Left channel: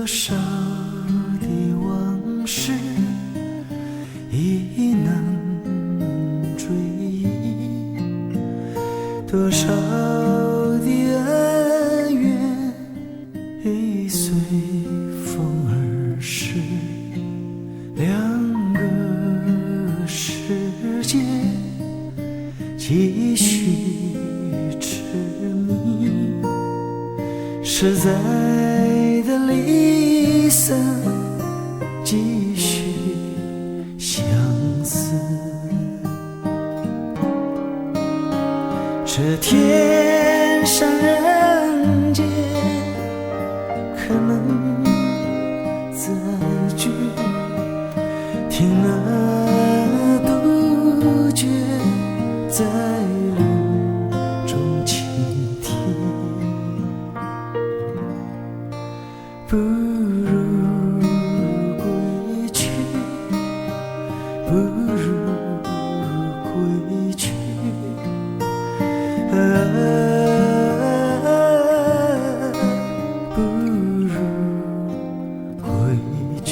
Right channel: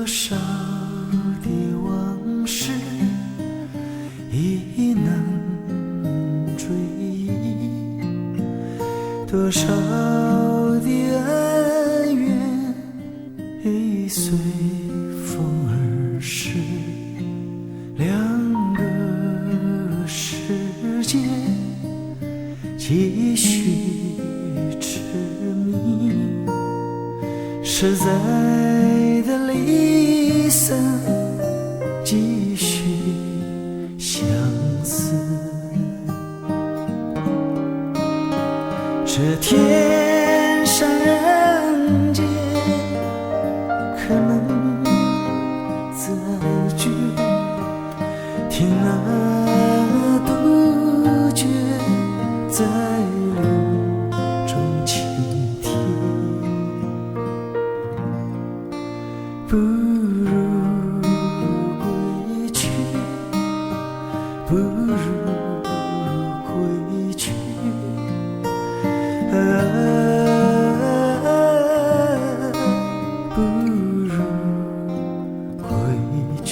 多少的往事已难追忆，多少的恩怨已随风而逝，两个世界继续痴迷，实在的离散继续相思。这天上人间可能再聚，听那杜鹃在林中倾听，不如归去，不如归去，不如归去。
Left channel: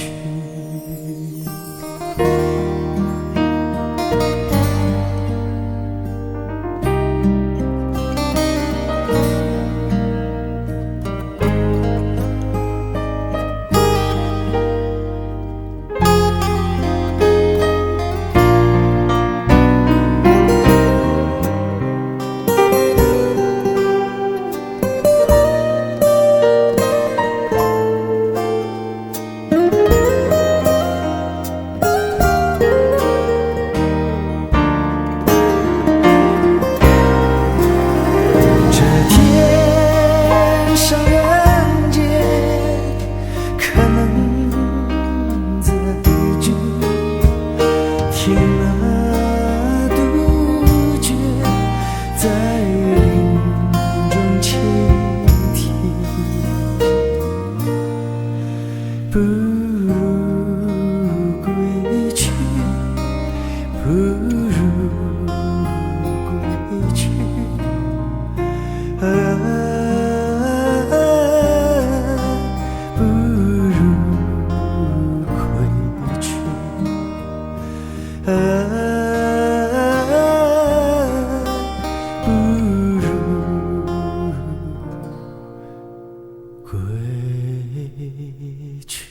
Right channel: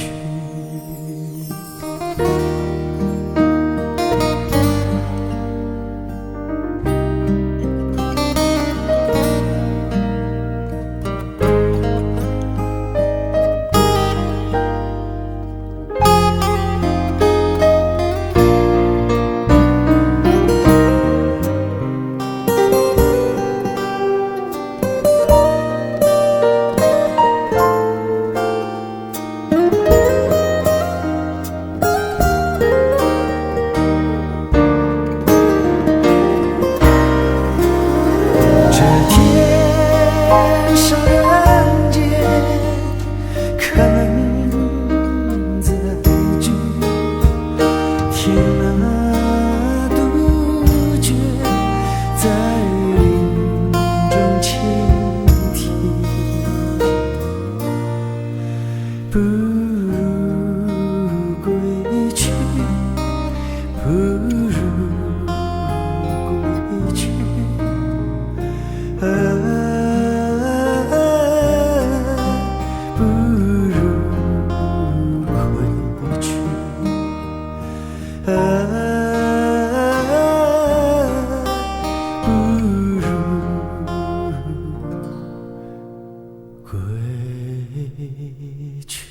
听那杜鹃在林中倾听，不如归去，不如归去，不如归去。不如归去。